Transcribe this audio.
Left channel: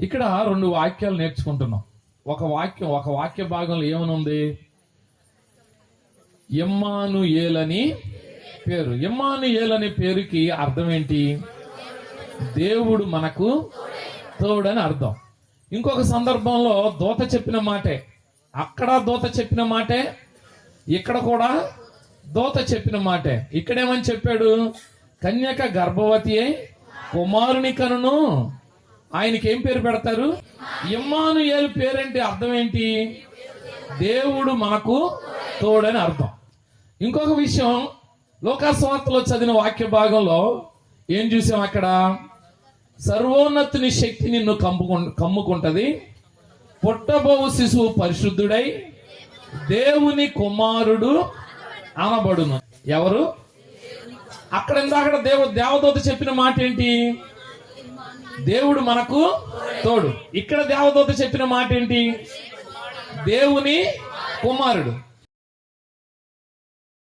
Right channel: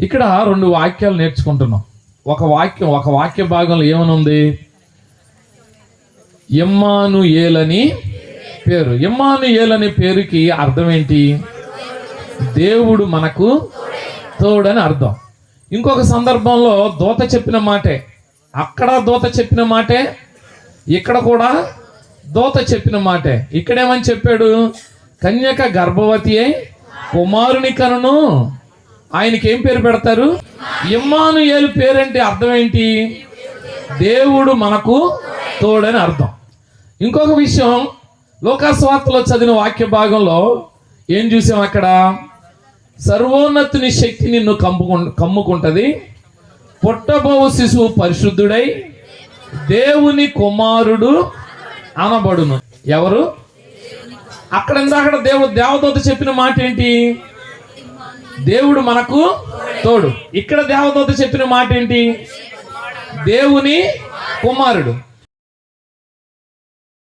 ఇక్కడ రెండు వాక్యాలు నేర్చుకుంటున్నాం. ఒక వాక్య భాగంలో ఏమనుంది? ఇమ్మానుయేలని పేరు. ఇమ్మానుయేలనే పేరుకి అర్థం ఏంటి? దేవుడు మనకు తోడని అర్థం. ఇంకొక సందర్భంలో దూత చెప్పిన మాటే, అక్కడ దూత చెప్పిన మాటే, ఇక్కడ కూడా దూత చెప్పిన మాటే. ఇక్కడేమని చెప్పాడు? కన్యక గర్భవతి అయి కుమారుని కనును. ఆయనకి ఏం పేరు పెడతారు? ఇమ్మానుయేలు. పేరంటే అర్థం ఏంటి? దేవుడు మనకు తోడని అర్థం. ఇంకొక విషయం, లోకాసువార్తలో చదివిన వాక్య భాగంలో ఏం చూసాం? అక్కడ సర్వోన్నతుని శక్తి నిన్ను కమ్ముకుంటది, పుట్టబోవు శిశువు పరిశుద్ధుడై దేవుని కుమారుడు అనబడును. ఎవరు? అక్కడ దేవదూత చెప్పిన మాట ఏంటి? దేవుడు మనకు తోడు. ఇక్కడ దేవదూత చెప్పిన మాట ఏంటి? దేవుని కుమారుడు.